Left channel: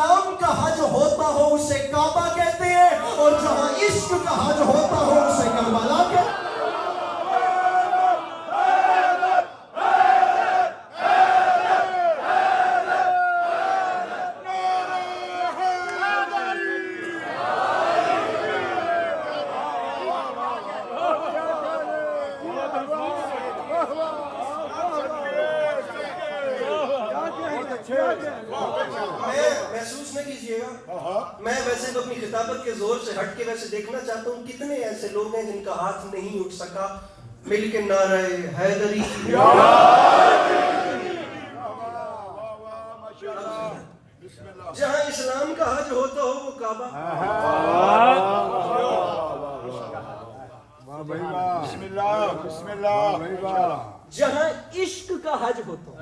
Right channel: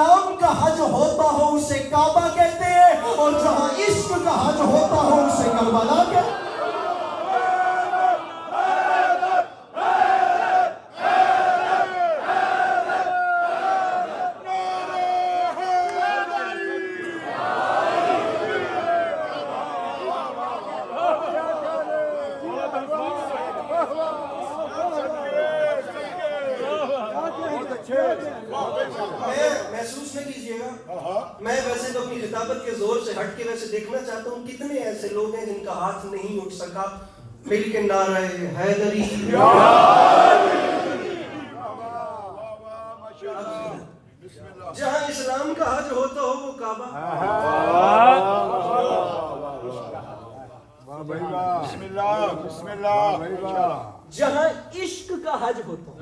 اسلام کا حج ہوتا ہو اسے کعبہ کہتے ہیں، اور جہاں عشق کا حج ہوتا ہو اسے کربلا کہتے ہیں۔ محسوس نہ کیجئے گا، میں ویسے تو اپنی خطابت کے زور سے ہٹ کے ویسے دیکھنا چاہتا ہوں کتنے ایسے لوگ ہیں جن کا ہاتھ نہیں اٹھ سکا مل کے نعرہ حیدری جہاں اسلام کا حج ہوتا ہو وہ کعبہ، بسم اللہ بسم اللہ، جہاں عشق کا حج ہوتا ہو۔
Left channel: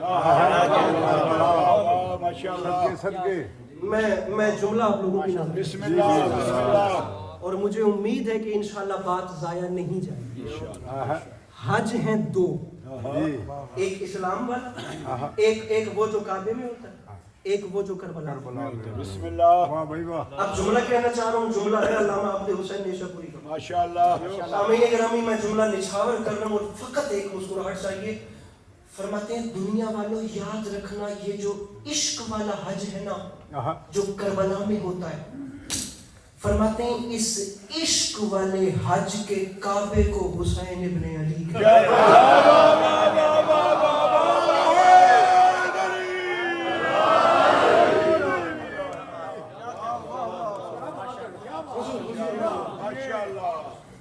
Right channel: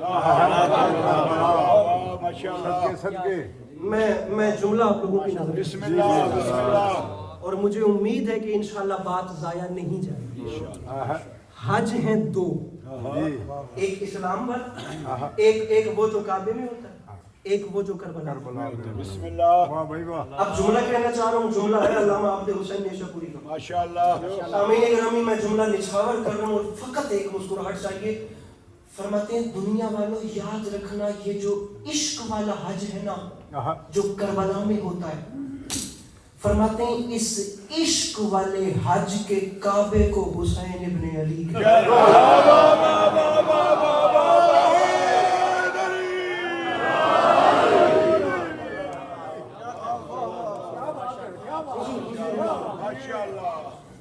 میں جملہ آپ لوگوں کی نظر بسم اللہ بسم اللہ، اور مجھے امید ہے کہ انشاءاللہ بات ضائع نہیں جائے گی۔ حج ہیں دو، ایک اسلام والا، ایک وہ جو کعبے میں ہوتا ہے، ایک وہ جو کربلا میں ہوتا ہے۔ بسم اللہ، اب جملہ کہنا چاہ رہا ہوں، جملہ ہے علامہ عبد حسین نیشاپوری کا۔ ماشاءاللہ، سامعین گرامی میں جملہ نچھاور کر رہا ہوں اور فقط ایک مسکراہٹ چاہیے۔ فرماتے ہیں دنیا والوں یاد رکھنا یہ جو عشق والا حج ہے نا جو کربلا میں ہوتا ہے، فرماتے ہیں اس عشق والے حج کے کعبے کو حسین ابن علی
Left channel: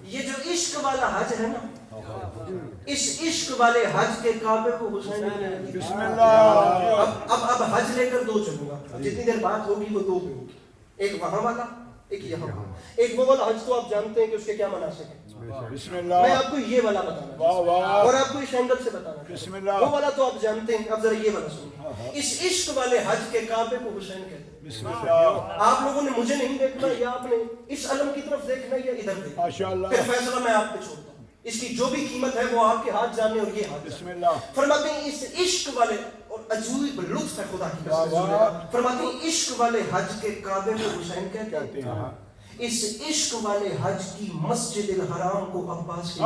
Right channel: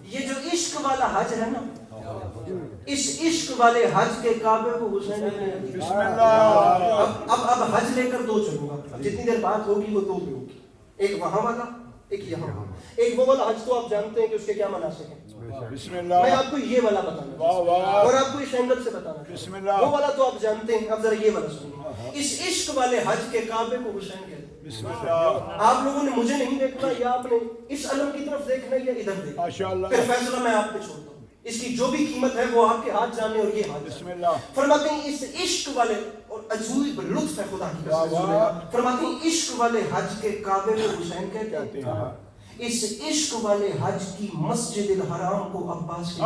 یہ جو عشق والا حج ہے نا، اس عشق والے حج کے کعبے کو حسین ابن علی۔ بسم اللہ، اب حج لے کر دو چلوں گا، جتنی دیر بات ہوگی وہ دو پہ ہوگی، ایک وہاں والا ایک یہاں والا۔ ایک وہ والا حج تو آپ جانتے ہیں کہ اس کے کیا مناسک ہیں، بسم میں اللہ، آپ کو یہ والا بتانا واہ واہ، اور آپ کو اس اینگل سے بتانا بسم چاہتا اللہ، ہوں۔ وہ والا تو آپ جانتے ہیں، اب ذرا یہ والا سنیے۔ اس عشق والے حج کے کعبے کو حسین کہتے ہیں۔ بسم اللہ، آپ لوگوں نے مجھے نہیں دیکھنا، یا آپ نے اس علم کی طرف دیکھنا یا ادھر دیکھنا، ماشاءاللہ، پھر فیصلہ میں آپ پہ چھوڑتا ہوں۔ اس کی جو بھی قیمت ہے وہ آپ کے ہاتھ جانے اور یہ ہاتھ بسم جانے۔ اللہ، فرماتے ہیں اس عشق والے، اور عجیب لطف ہے خدا کی واہ واہ، فرماتے ہیں عشق والے حج کے کعبے کو حسین کہتے ہیں۔ اس عشق والے حج کی مسجد الحرام کو عباس کے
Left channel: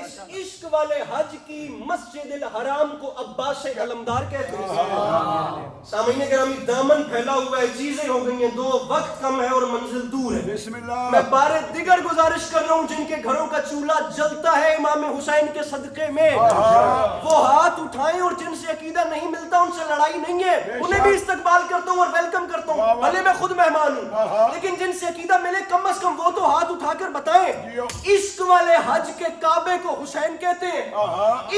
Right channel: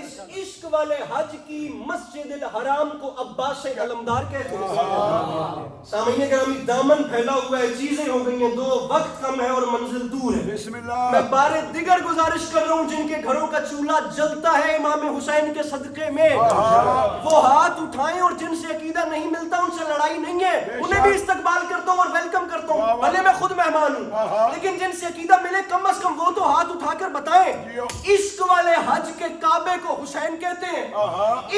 اس عشق والے حج کی مسجد الحرام کو عباس علمدار کہتے ہیں۔ سامعین گرامی دامن پھیلا ہوا ہے، چیزیں ہو گئی ہیں دو، وقت کم ہے اور منزل دور ہے۔ بسم اللہ، میں بار دیگر گزارش کر رہا ہوں جن کے گھروں کا چولہا جلتا ہے امام حسین کے صدقے میں، وہ ہاتھ اٹھائیں، اور جن سے عقیدہ نہیں ملتا ان سے لڑائی نہیں ہے، انہیں بھی استقبال کرتا ہوں اور ویلکم کرتا ہوں، بھلے میں خود مہمان ہوں، لیکن جن سے عقیدہ ملے کم از کم وہ تو ہاتھ اٹھا کر بتائیں۔ عشق والے حج کے کعبے کو حسین کہتے ہیں،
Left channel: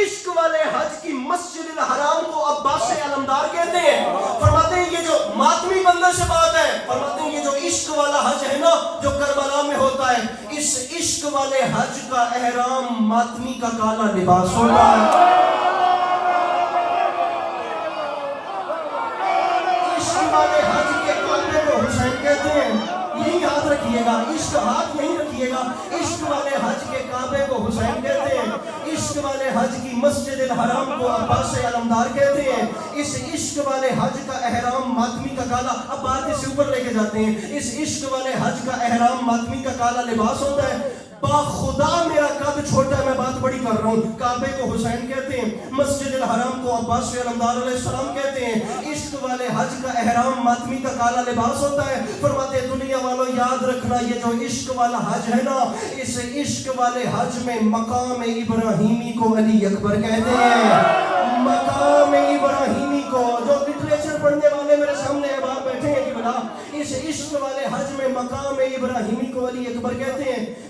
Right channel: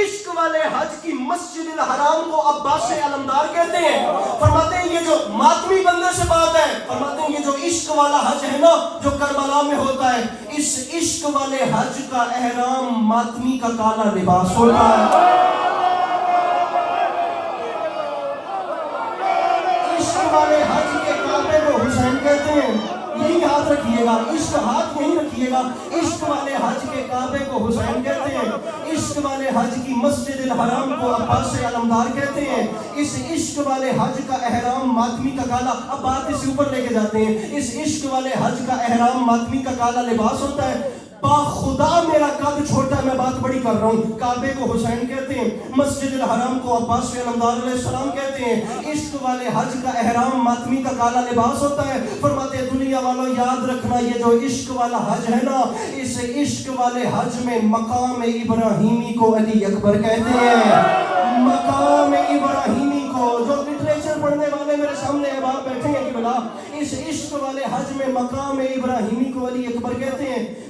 عشق والے حج کی مسجد الحرام کو عباس علمدار کہتے ہیں۔ فرماتے ہیں یہ جو ماتمی بندے سے بات ہے، فرماتے ہیں یہ جو عشق والا حج ہے نا جو کربلا میں ہوتا ہے، اس عشق والے حج کا احرام ماتمی کا کالا لباس ہوتا ہے۔ عشق والے حج کے کعبے کو حسین کہتے ہیں، یہی یاد رکھیے گا، عشق ہاتھ یہی رکھیے گا، عشق والے حج کے کعبے کو حسین کہتے ہیں، عشق والے حج کی مسجد الحرام کو عباس علمدار کہتے ہیں، اس عشق والے حج کا احرام ماتمی کا کالا، اب بات اس اوپر لے کے جاتے ہیں، اس عشق والے حج کا احرام ماتمی کا کالا لباس ہوتا ہے۔ با خدا میرا قد چھوٹا ہے، میں بات بڑی کر رہا ہوں۔ کعبے کو حسین کہتے ہیں، مسجد الحرام کو عباس علمدار علیہ السلام کہتے ہیں، عشق والے حج کا احرام ماتمی کا کالا لباس ہوتا ہے۔ فرماتے ہیں دنیا والوں یاد رکھنا یہ جو عشق والا حج ہے نا، اس عشق والے حج میں مقام ابراہیمی کو علی اکبر کہتے ہیں۔ مقام ابراہیمی کو، جو لٹریچر پڑھنے والے میرے سامنے باہر بیٹھے ہیں کہ بلا اس عشق والے حج میں مقام ابراہیمی کو علی اکبر کہتے ہیں۔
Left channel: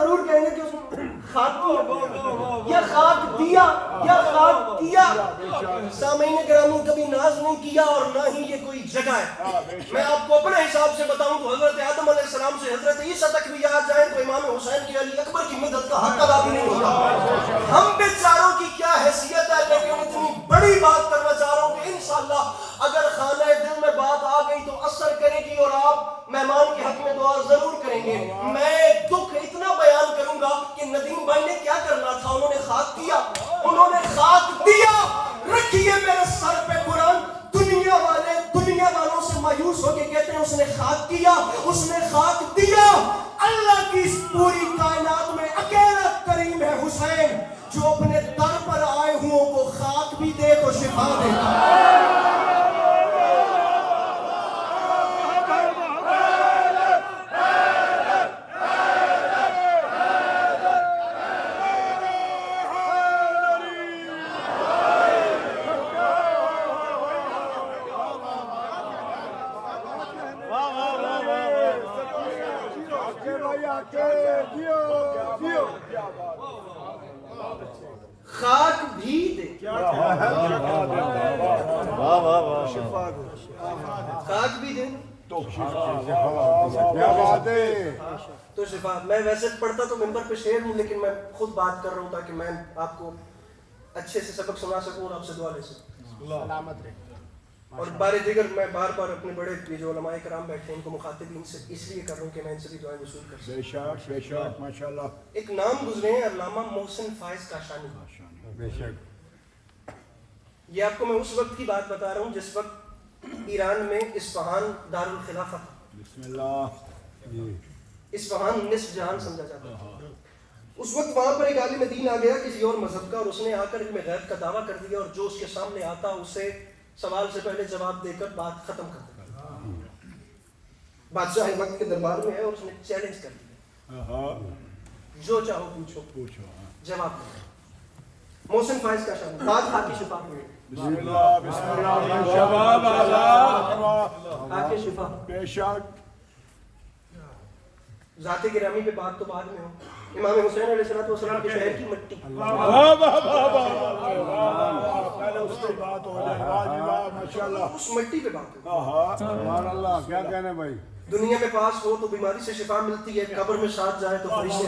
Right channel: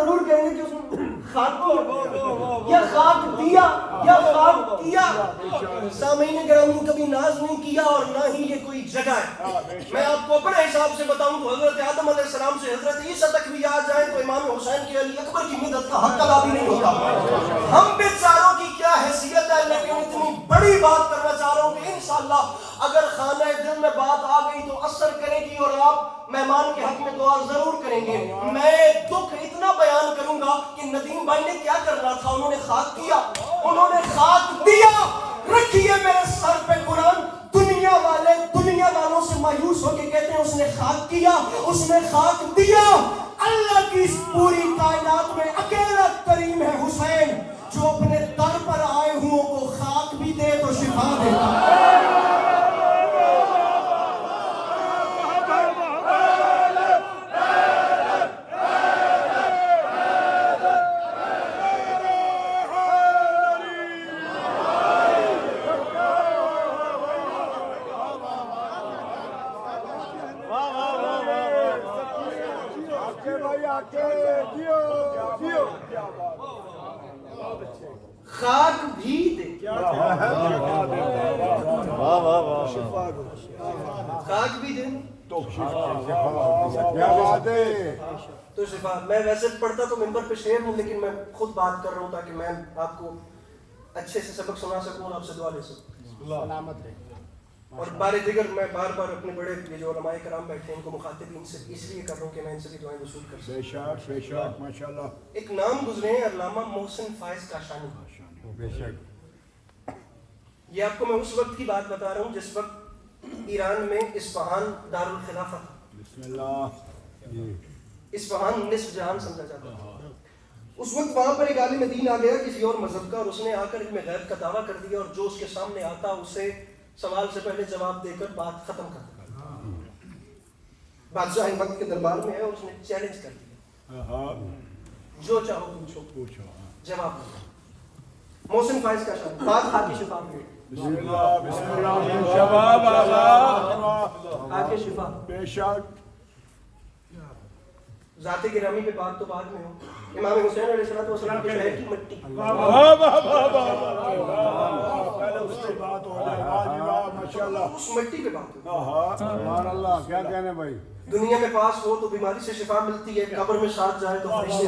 ضرور کہیں گے کہ اس نے خاک یا خاک دیا یا خاک کیا. سامعین گرامی کبھی ناز نہیں کیا اور نہ ہی یہ کوئی جگہ ہے. میں آپ کو اپنے حساب سے بتاؤں تو حضرت آدم علیہ السلام سے حضرت عیسیٰ تک بھی آ جائیں تو امام حسین کی علی اکبر کی مدد کا حق ادا بھی نہیں ہوتا. ہم بیچاروں کی کیا حیثیت ہے, لیکن اتنی بڑی بات کرنا چاہ رہا ہوں کہ انشاءاللہ اگر خانہ دل میں بات آ گئی تو اثر کرے گی اور آپ مہمان کے حق میں دعا ضرور کریں گے. میں دکھ اتنا بیان کروں گا کہ ندیم بھائی نے کیا کرنا تھا, انہوں نے خاک کیا, انہوں نے خاک دیا. رکھیے میرے سر پہ قرآن. دنیا والوں سے مایوس ہو کے کہتے ہیں اس نے خاک کیا, اس نے خاک دیا. اللہ کی اس پوری کائنات میں اکیلا کریم ہے حسین جو اپنے در پر آئے ہوں کو خاک بھی دے تو شفا دیتا. خاک بھی دے, خاک بھی دے تو شفا. میں ویسے پڑھتا تو ممبر پہ شعر ہوں, لیکن میں خود بات کر رہا ہوں تاکہ میں آپ کو اچھے سے سبق سنا سکوں اور آپ سے دعا لے سکوں. اور بار دیگر میں بار بار اپنے بڑے یہ جو علماء کرام بیٹھے ہیں ان کو مخاطب ان سے اس لیے کر رہا ہوں کہ میں ان سے بھی دعائیں وصول کر سکوں. بے شک ماشاءاللہ. ایک نام گزرے ہیں علامہ محسن فائز کاشانی. بے شک. یہ آپ کو میں اس وقت کی بات بتا رہا ہوں جس وقت ایران میں اصفہان دارالخلافہ تھا. بسم اللہ. اصفہان نصف جہان سمجھا جاتا تھا. اس وقت وہاں پر ایک عالم دین آ گیا کسی اور مذہب کا, اور اس نے آ کر علم غیب کا دعویٰ کر دیا, اور جو اس کے سامنے آتا اسے سوال سے پہلے جواب دے کر بات ختم کر دیتا. بادشاہ وقت کے دربار میں ہے اور اس نے چیلنج کر دیا, جو چاہو پوچھو جواب دو. محسن فائز کا شان بات خاکی شفا میں. بسم اللہ بسم اللہ. جواب آزاد خاکی شفا. بے شک. ذات گرامی پہ بات تو بعد میں ہو. امام حسین علیہ السلام کے شہر کی مٹی. پہلے اس کی بات ہو جائے. ماشاءاللہ. اس مٹی پہ بات ہو. سبحان اللہ. کیا کہنے بھائی. دنیا میں پاس ہو تو بیماری سے شفا ملتی ہے, قبر میں ساتھ جائے تو فرشتے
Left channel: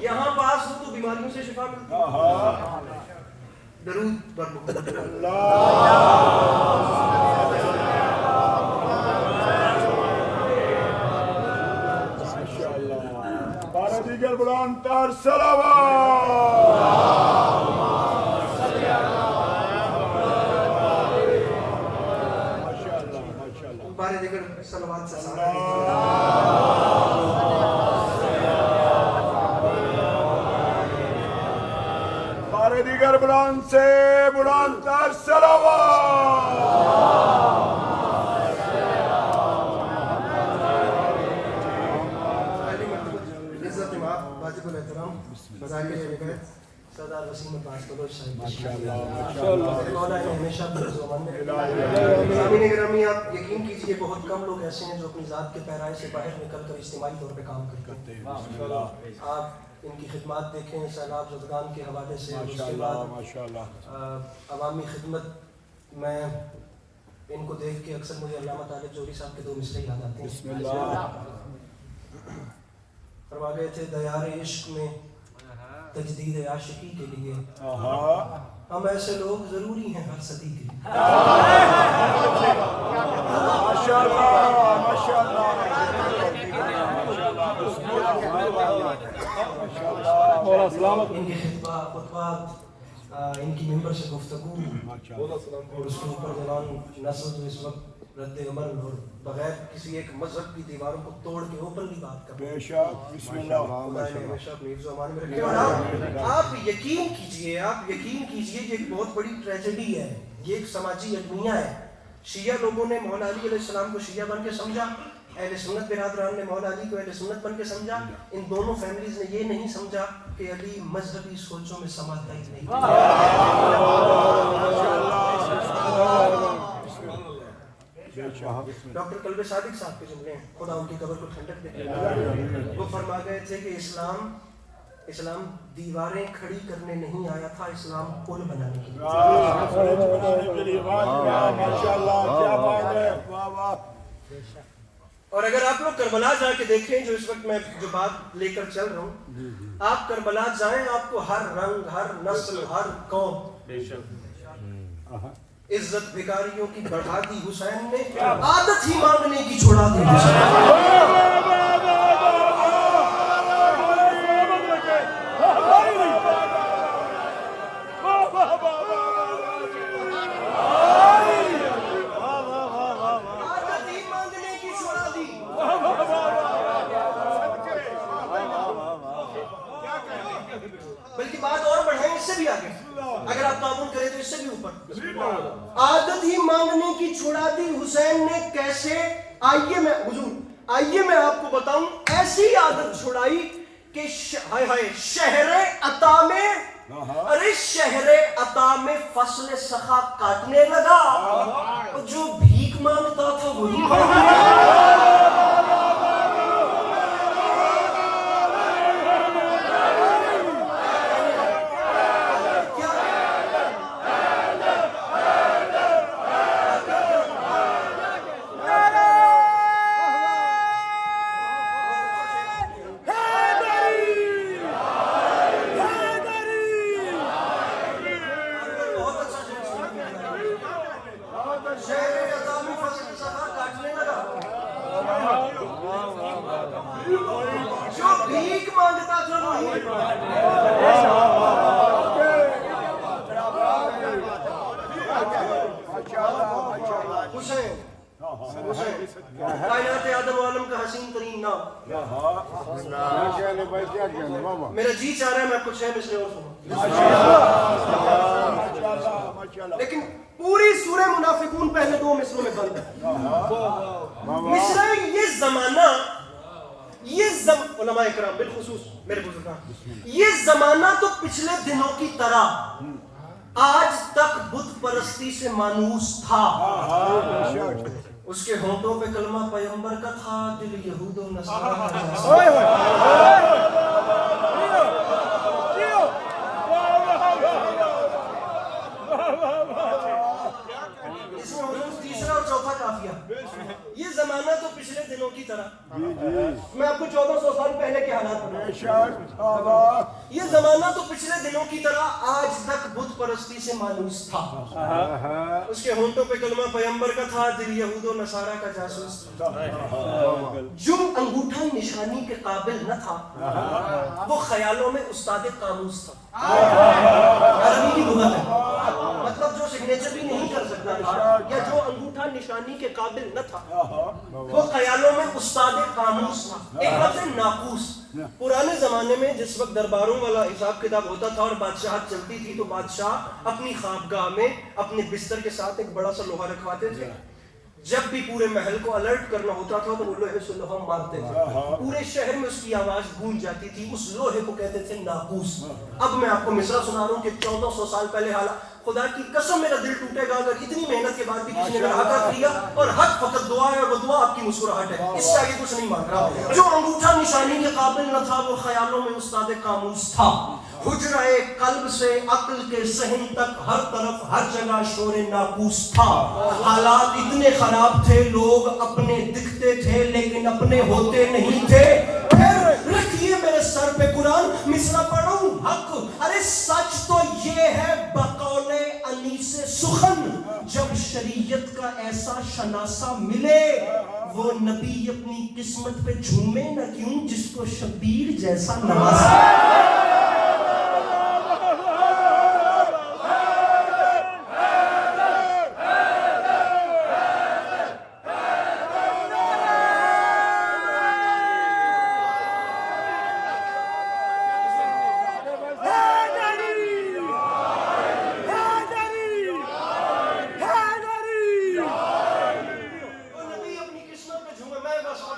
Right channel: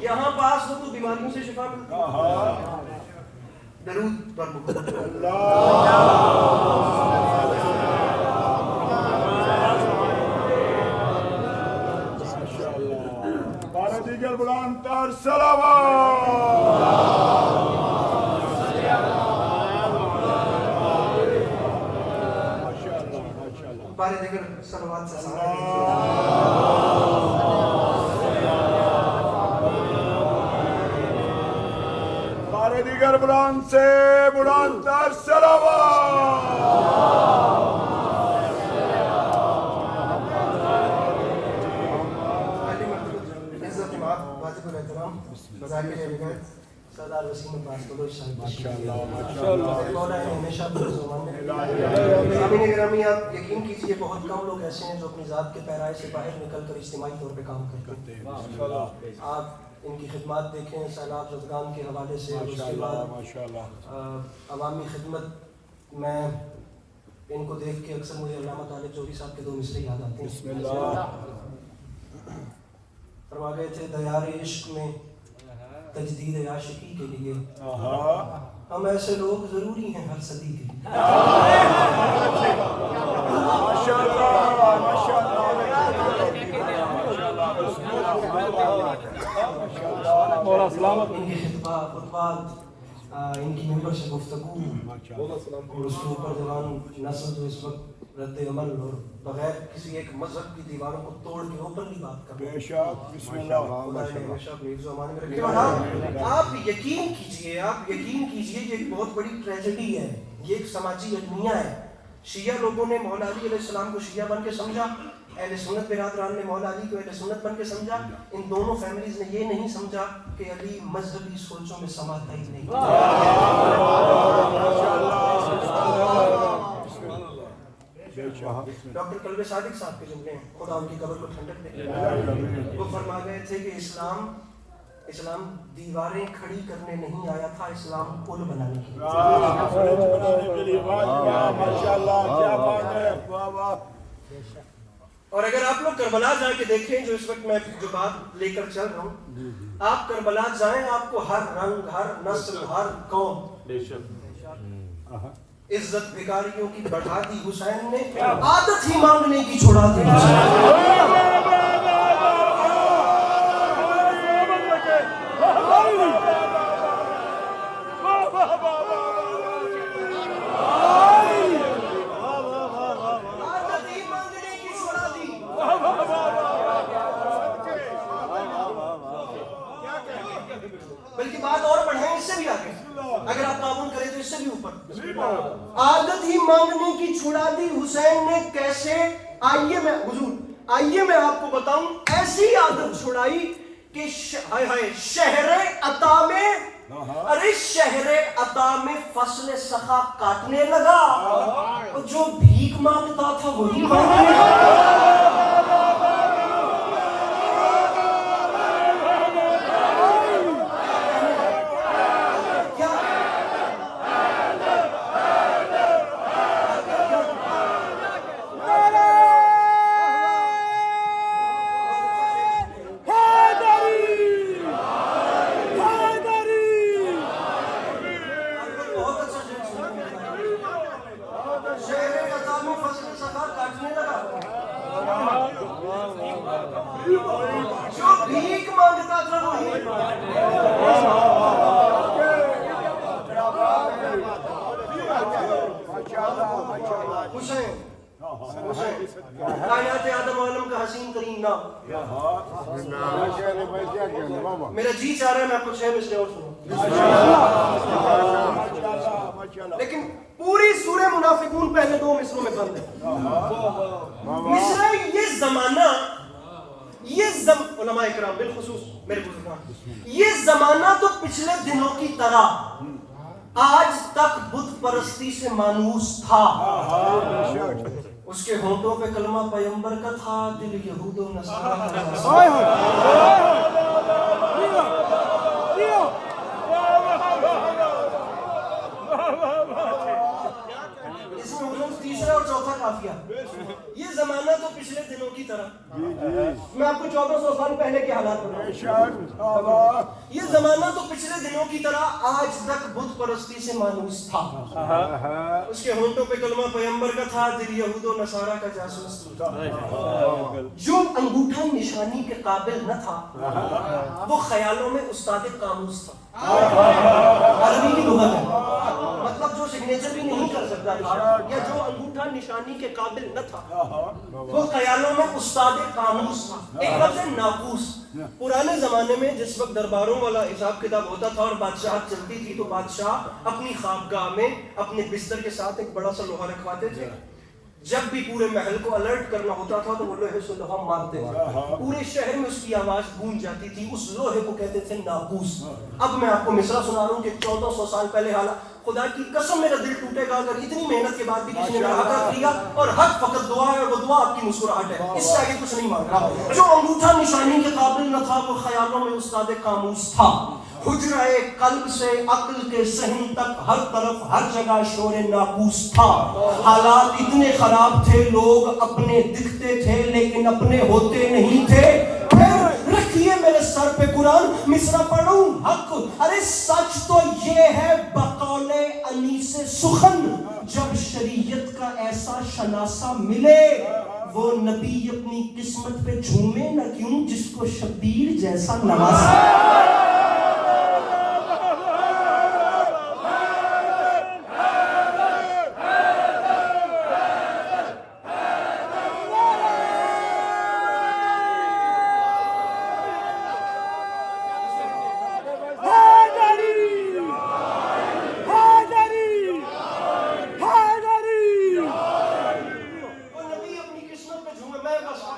یہاں پاس ہو تو بیماریوں سے شفا ملتی ہے. درود بر محمد. بارہ دیگر بلند تر صلوات. بارے دیگر صلوات سے بارہ دیگر بلند سے بلند تر صلوات. واجب الاحترام مذاکر روایت سردار وسیم عباس بلوچ صاحب. ماشاءاللہ. مولا نے ہمیشہ سامعین گرامی آپ یقین کیجئے بہت کم لوگ ایسے ہیں جو اپنی ذات کے پیرائے سے باہر نکل کر اجتماعی طور پہ کام کرتے ہیں. آپ ان کی خدمات دیکھیں سیلاب زدگان کے حوالے سے. عوامی خدمت میں ان کو دیکھ کے اکثر مجھے علامہ طالب جوہری صاحب کے دو مصرے یاد آتے ہیں. بسم اللہ. فرما گئے تھے دیار عشق میں تجدید عاشقی کے لیے ہم ایسے لوگ ضروری ہیں ہر صدی کے لیے. ماشاءاللہ ماشاءاللہ. اور سلامت ان کی خطبات ان کی ممبر سے گفتگو اور اس کے اوپر جوان نسل جو اس وقت رد عمل اور بغیر کسی ایک مذہب کی دیواروں کو توڑ کے اوپنلی بات کرتے ہیں. بے شک. بسم اللہ. آپ یقین کیجئے یہ ایک بہت بڑی ٹریجڈی ہے, یہ ایک سماجی المیہ ہے. شیعہ لوگوں نے مولا علی علیہ السلام کو شیعہ بن کے سمجھا, اہل سنت برادران نے مولا علی کو اہل سنت بن کے سمجھا. ان دونوں فیملیز نے یہ نہیں سمجھا کہ علی مذہبی سوچوں میں سماتا ہی نہیں. ڈاکٹر قلب صادق صاحب کے جملے ہیں, خدا ان کی قبر کو ٹھنڈک دے. وہ فرما گئے تھے کہ اسلام دیواریں کھڑی کرنے نہیں آیا تھا, اسلام پل بنانے کے لیے. اور اگر آپ لوگ کربلا جا کے دیکھیں, جو اس وقت میں جو بات لے کر چل رہا ہوں, آپ کربلا جائیں, آپ کو ہر رنگ, ہر نسل, ہر قوم عزت بھکاریوں کی بڑھا دی حسین نے, عادت ہی مانگنے کی چھوڑا دی بلکہ بات اور بڑھائیں اس سے بھی آگے, اگر آپ تعاون کریں تو اس سے بھی اوپر. عادت ہی مانگنے کی چھڑا دی حسین نے کیسے, آئیے میں آپ کو بتاؤں. ایسی عادت چھڑائی کہ شہر عطا میں, ارے شہر عطا میں فصل سخا کاٹنے لگا, جو بھیک مانگتا تھا وہی کائنات آدم عالم کا حسین ترین نام. میرا جی چاہ رہا ہے میں کچھ ہے مصرے اور سنوں, لیکن پوری سورہ منافقون پہلے 2 مصروں میں بند ہے. مصرے یہ علماء اکرام بالخصوص میرے بزرگان, یہ زمانہ تو پچھلے دنوں کی طرح آج تک بت پرستی سے مانوس تھا. اس کے ہونٹوں پہ کلمہ پیغمبر کا تھا, دل یہود و نصارہ کا. اس میں حضور تیسرا اور چوتھا کافیہ. یہ زمانہ تو پچھلے دنوں کی طرح, میں آپ کو 1400 سال پہلے کے حالات بتاؤں. یہ زمانہ تو پچھلے دنوں کی طرح آج تک بت پرستی سے مانوس تھا. اس کے ہونٹوں پہ کلمہ پیغمبر کا تھا, دل یہود و نصارہ کا جاسوس تھا. جو انگوٹھا نشانی کے قابل نہ تھا, وہ خیالوں میں استاد قاموس تھا. عربی کی لغت ہے, مطلب جو سگنیچر بھی نہیں کر سکتا یا جو انگوٹھا نشانی کے قابل نہ تھا, وہ خیالوں میں استاد قاموس تھا. ایک لفظ ہے ناقوس. پرانے زمانے میں جس وقت درباروں والا حساب کتاب ہوتا تھا اور بادشاہت چلتی تھی, تو بادشاہ اپنی خوابگاہ میں اپنے بستر کے ساتھ ایک بڑا سا لوہا رکھواتے تھے. جب بھی پورے محل کو الرٹ کرنا ہوتا تھا تو وہ لوہے سے لوہا مارتے تھے, پورے شہر میں اس کی آواز گونج جاتی تھی. اس لوہے کو کہتے تھے ناقوس. اب میں آپ کو مصرع سنا رہا ہوں کہ 1400 سال پہلے حالات. خدا کی قسم میرا دل ٹوٹے گا اگر اتنی محنت کے بعد بھی کسی نے حق کیا, اور حق فقط دعا ہے, اور وہ دعا آپ کی مسکراہٹ ہے. اس سے آگے کچھ نہیں مانگ رہا. جو انگوٹھا نشانی کے قابل نہ تھا, وہ خیالوں میں استاد قاموس تھا. حجرہ قلب سے عقل کے صحن تک ہر طرف ہر جگہ شور ناقوس تھا. حالات اتنے خراب تھے, لوگ اپنے دکھتے تھے لیکن اپنے ہوتے نہیں تھے. پھر رکھیے میرے سر پہ قرآن, مصرع پڑھوں حق. ارے سچ تو یہ ہے بقول انیس سخن, جب شریعت کا ایسا شناسہ ملے, وہ نبی اپنی قسمت پہ جھومے نہ کیوں جس کو شبیر جیسا نوازا.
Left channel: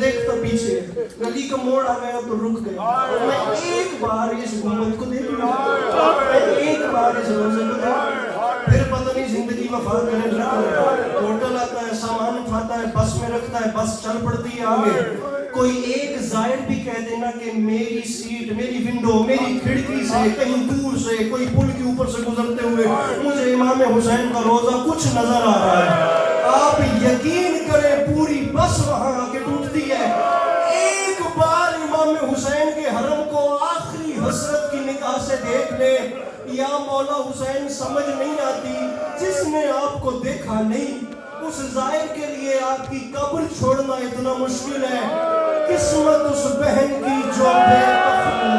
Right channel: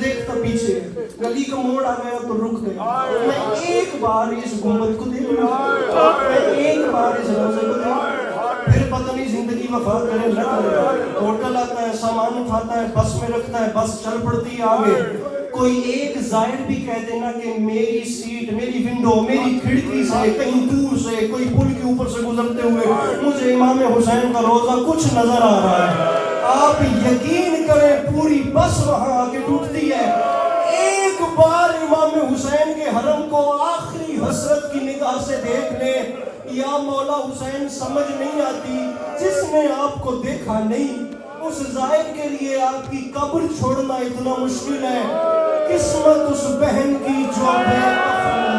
دیکھتا پیچھے گلی کا موڑ آ گیا تو رک گیا. میں ایک بار اس گنبد کو دیکھ لوں, میں ایک بار اس منظر کو دیکھ, پھر پتہ نہیں زندگی میں فرق میرے رکھ. ہوٹل آتا ہے, سامان اٹھاتا ہے, بس میں رکھتا ہے, بس چل پڑتی ہے آگے. کوئی ایک زائد بھی کہہ دینا کہ میری سیٹ, میری ونڈو, میری کھڑکی سے کہیں دور سے کوئی پل کے اوپر سے گزرتے ہوئے مجھے امام حسین کا روضہ کچھ نظر آ رہا ہے. آپ یقین کریں پوری بس وہاں آ کے ٹوٹتی ہے. ایک بار امام حسین کے حرم کو آخری حسرت کی نگاہ سے دیکھ لے. یا مولا حسین سمجھ نہیں آتی, جس نے آپ کو دیکھا نہیں اس زائد کے لیے آپ کی قبر چھوڑنا اتنا مشکل ہے. قسمت اس بہن کی جو بے دخل ہے.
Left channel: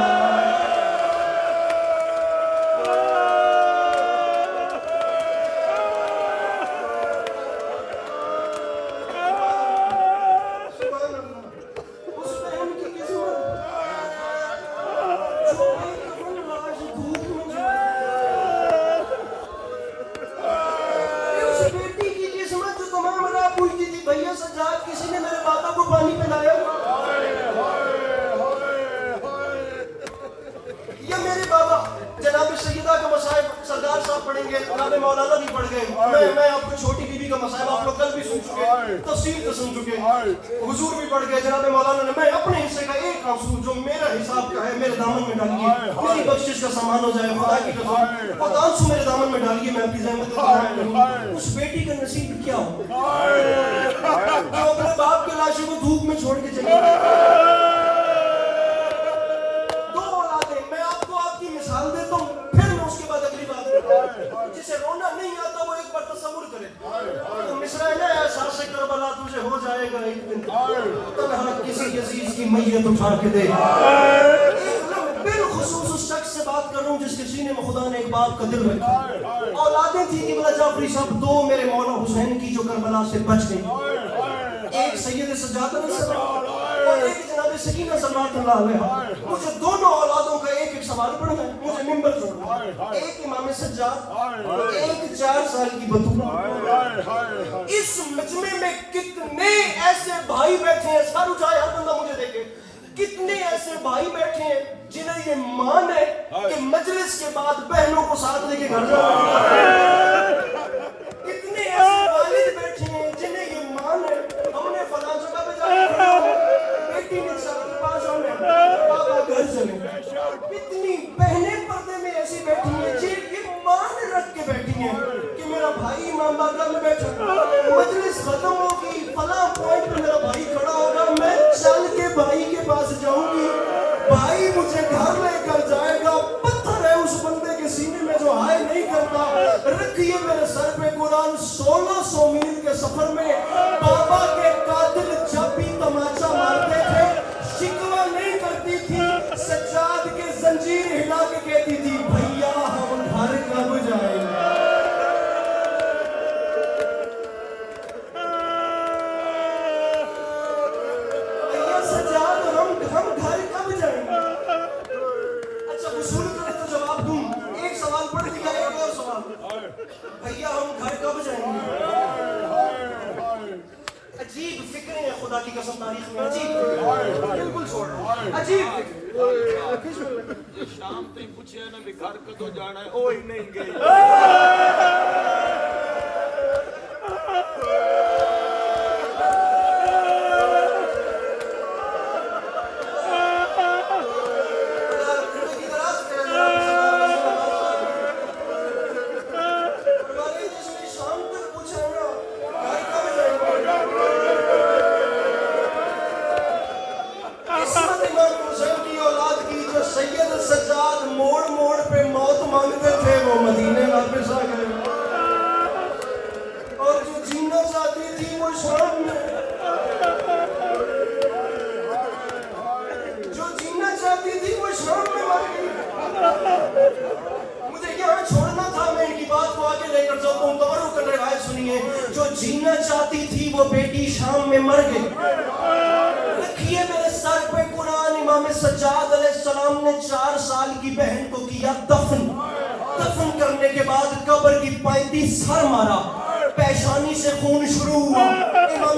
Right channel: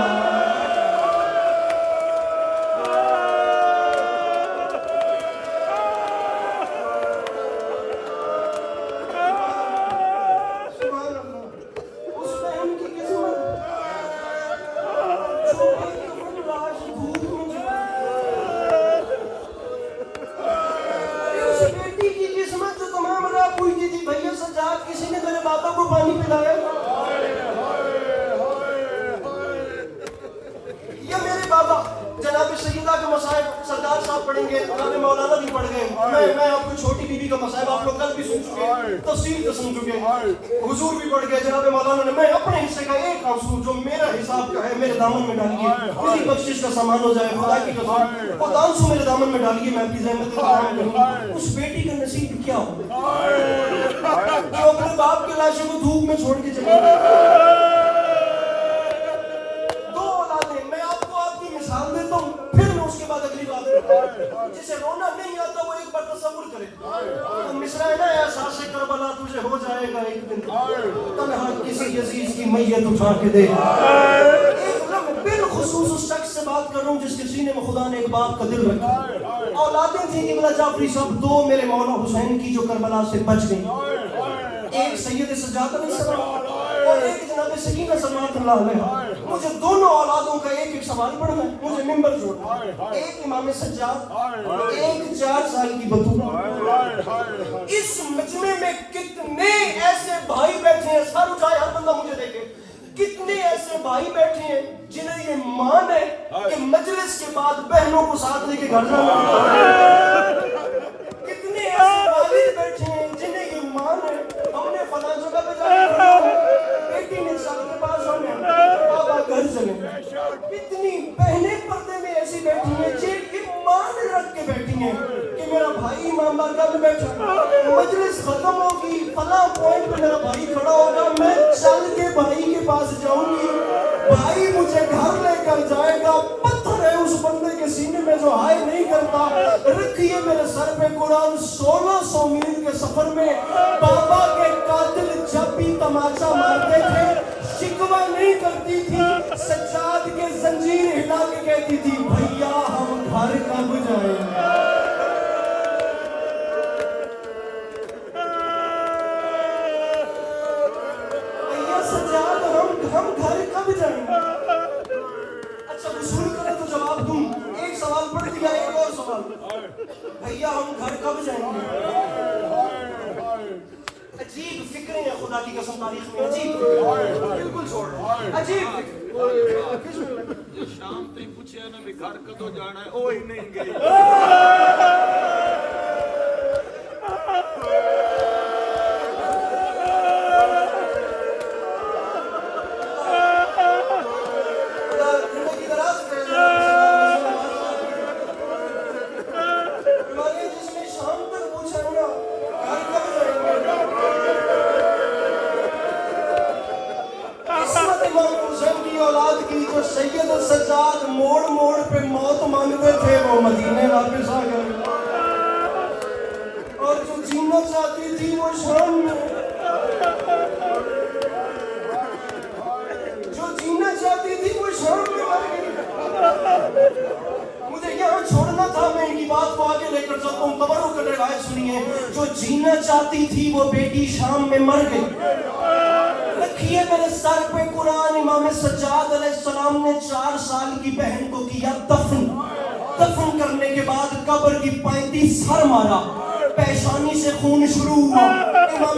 مولانا بھی پڑھ گئے, میں آپ کو چھوٹی بی بی کا مصائب آپ لوگ کل بھی سن چکے, تفسیر تو سن چکے, حضور بھی پڑھ گئے. جناب مولانا نے, میں اپنے حصے کا ایک آنسو جو میرا حساب کا ہے میرے دامن میں ڈالیے, میری بخشش کا سامان ہو جائے, خدا کی قسم, اور آنسو میرے دامن میں ڈالیے, میں اپنی زحمت کروں. اس بیٹی کا نصیب کیا ہو جو اپنے باپ کے لاشوں کو دھوپ میں چھوڑ کے چلے. دو اولادیں, میں آپ کو آپ کی مثال دیتا ہوں, پھر میں اس کے بعد اگلی بات کروں. جسے رونا نہیں آتا وہ ایک بار تصور کرے. مصرع ہے نا, احساس کربلا تجھے ہو جائے گا ایک دن, تنہا کسی عزیز کی میت اٹھا کے دے. بالخصوص اس شخص سے بات کر رہا ہوں جس کے سینے میں خدا نے ایک باپ کا دل رکھا. اولادیں تھیں قبلہ جعفری صاحب, دو میرے مولا حسین کی جو کربلا سے بچ گئی. ایک سید سجاد علیہ السلام اور ایک جناب سکینہ صلوات اللہ علیہ. مجھے دونوں اولادوں کا ایک ایک سوال پڑھنا ہے, مجھے ممبر چھوڑنا. ایک امام سجاد, ایک 4 سال کی بطول. اس مجمع میں کتنے ایسے بھائی بیٹھے ہیں, سر اٹھائے ہر بندہ مجھے دیکھے, کتنے ایسے بھائی بیٹھے ہیں جنہیں یہ مان ہے کہ مجلس کے بعد بہنوں کو ساتھ لے کے گھر جانا. کتنے ایسے والد بیٹھے ہیں جنہیں یہ مان ہے ہم نے فلاں جگہ پہ جانا, بیٹی نے شادی کے پاس آنا, بابا گھر چلے. کتنی بہنیں پردے میں ایسی بیٹھی ہیں جن ایمان رکھ کے بیٹھی ہیں کہ میرا بھائی ایماندار کب بیٹھا, مجلس ختم ہوگی, فلاں پوائنٹ پہ میرا بھائی کھڑا ہوگا, میں چل کے بھائی کے پاس جاؤں گی, بھائی مجھے گھر لے کر جائے گا. پتھر ہے اس بندے کے سینے میں جو ہائے نہیں کرتا. رکھیے میرے سر پہ قرآن, 1600 میل کے سفر میں بابا کے قاتل جب بھی تماچا مارتے تھے شکوہ نہیں کرتی تھی, سجاد کے زنجیر ہلا کے کہتی تھی بھیا ہم گھر کب جائیں گے. عجیب فکریں ہیں خدا کی قسم تاریخ میں, عجیب فکریں, بالکل چھوڑ عجیب فکریں. شام تک پوچھے نا بھی گھر کدو جانا ہے, اوہی نہیں گئی. سید سجاد موڑ موڑ پہ موت مانگتے تھے, وہ مدینے واپس آ گئے. اور جو جینا چاہتی تھی وہ شام میں, جو جینا چاہتی تھی وہ شام میں مر گئی. مجھے یہاں چھوڑنا تھا, میں ان کی بات کو آگے لے کر جاتا ہوں. تبرک کر روایت سنیے, جو جینا چاہتی تھی وہ بیٹی شام میں مر گئی. رکھیے میرے سر پہ قرآن, امام سجاد علیہ السلام نے 4 سال کی بہن کو کیا دفن. دفن کرنے کے بعد قبر کی پائیدی سر مارا, پیشانی سے خون شروع ہوا. امام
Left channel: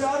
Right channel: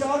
4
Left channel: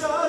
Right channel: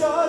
4